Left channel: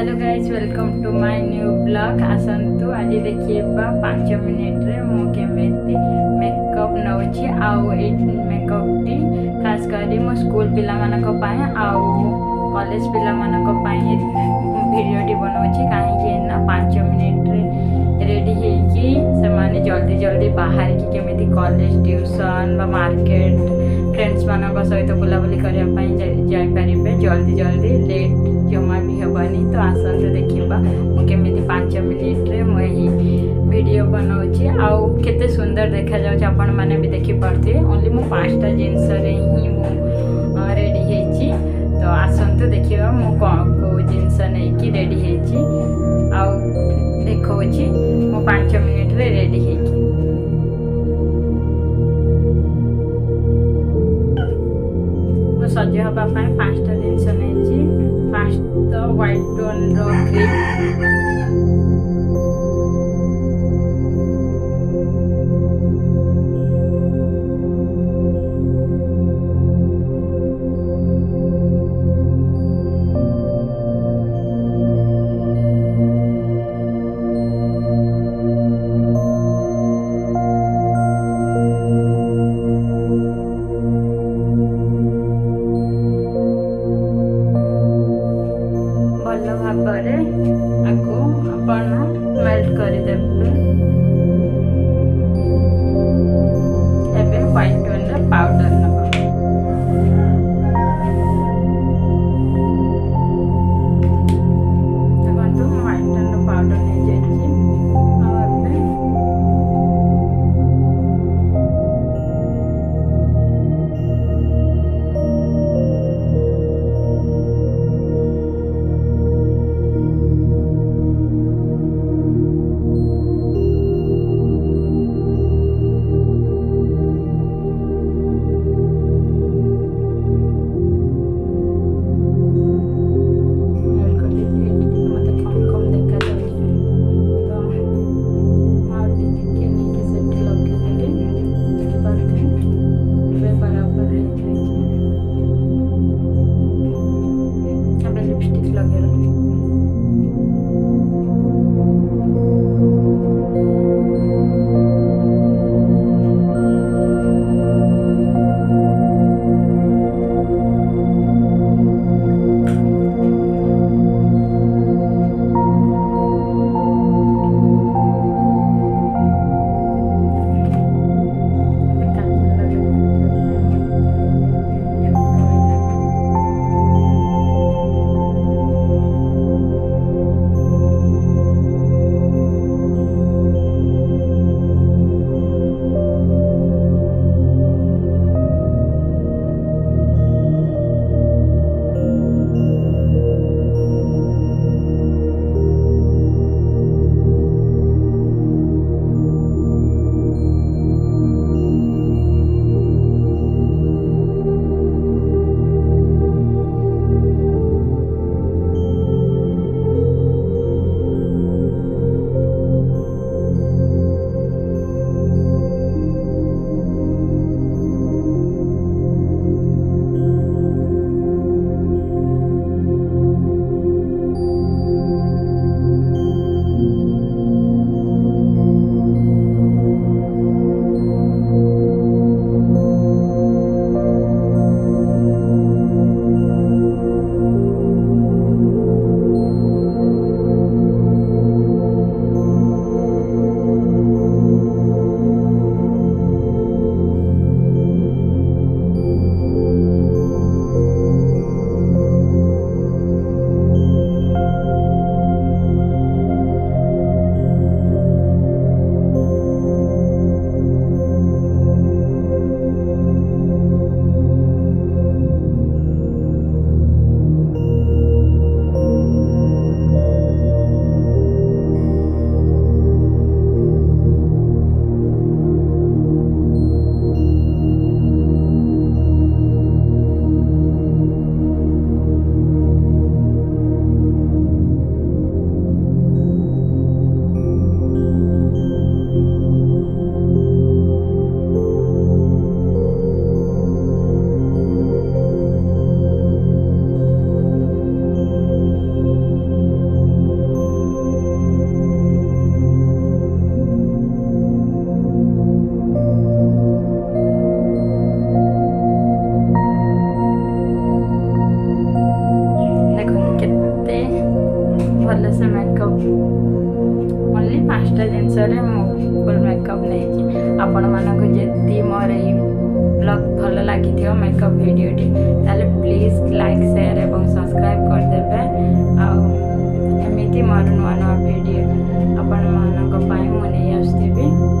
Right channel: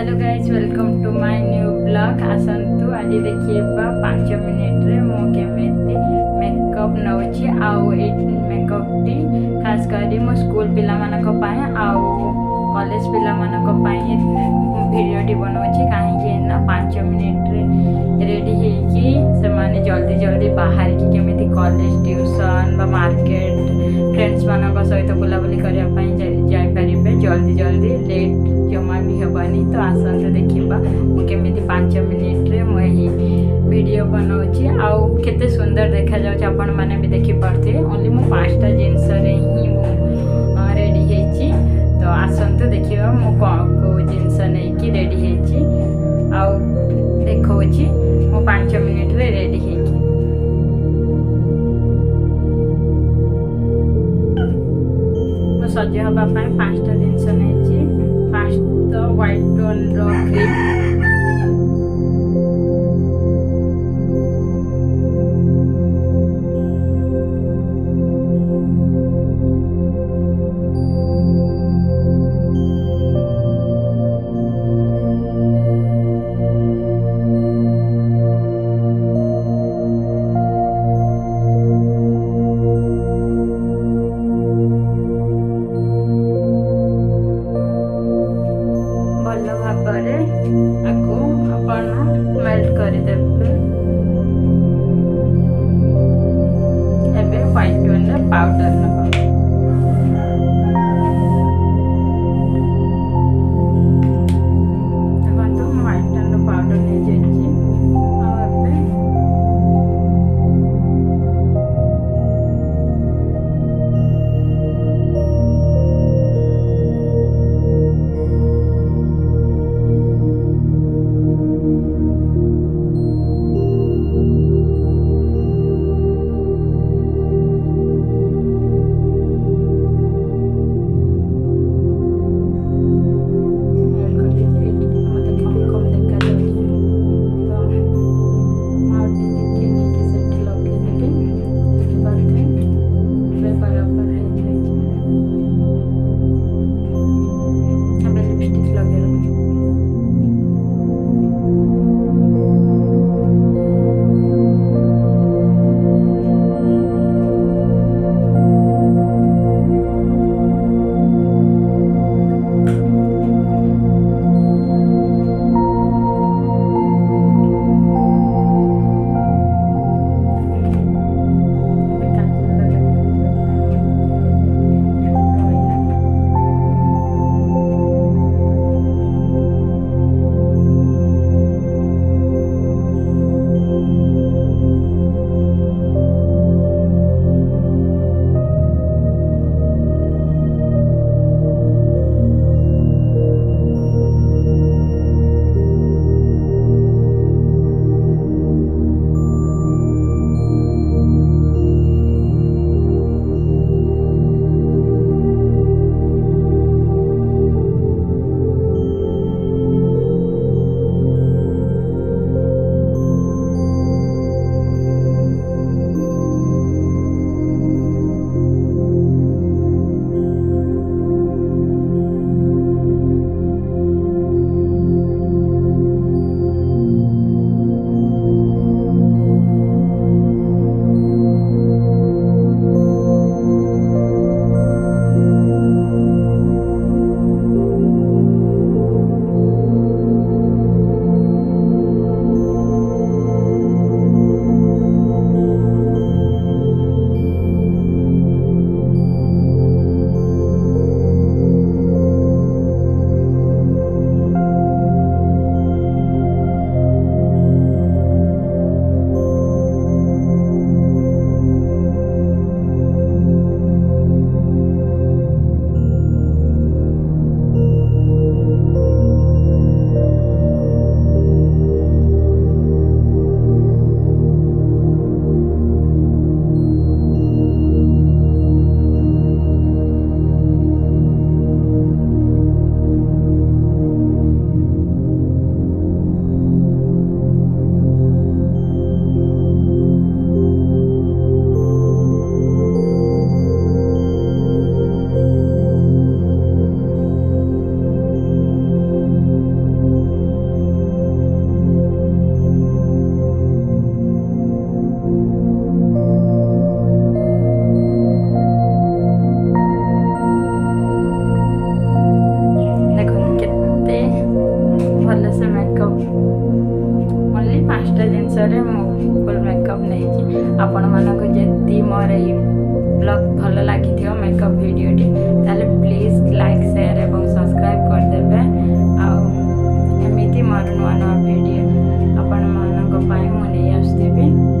Hello guys welcome to my new blog आसतु आज देखिए 5 मिनिट रे मु केमेती मेकअप नौची आउ ए मेकअप टी खास करी मो स्कूल पिला मानक पाए आउ कॉलेज पिला मानक पाए वीडियो टी बनौची काहे ना 5 मिनिट रे रेडी हेकी से माने जल्दी जल्दी बाहर की केमिति कॉलेज ट्यूशन बा मार्केट फ्रेंड्स मानक सहित बुलाबुली करने जाई परिबे जल्दी जल्दी लेट जमा भी हेबानी तो आसते देखा मुझे 5 मिनिट रे मुझे वीडियो बनाऊँगी आउ केते सुंदर देखा जाऊँ आपण मैंने भी देखी पार्थे ओनली मु 5टा जिनस ही रेडी हेची तो आसतु देखा मु कौन को जिनस नहीं रेडी हेची आउ देखौची मु 5 मिनिट रे रेडी हेकी सज हवा 5टा जिनस नहीं फास्ट तो व्हाइट टोन रो क्रीम भल भाव आपको अपन मेल्ट करदेवे एबे व्हाइट टोन पाउडर नब देखो व्हाइट टोन पाउडर नहीं जाइए लिपस्टिक लगे जिनस फुल मेकअप नहीं आपण मानक जदि मोर ये ब्लॉग भल लगी मेकअप वीडियोटी ताले प्लीज लाइक शेयर और सब्सक्राइब करदेवे आमती मोर नुआ नुआ वीडियो आपण मानक मुझे आसुबी।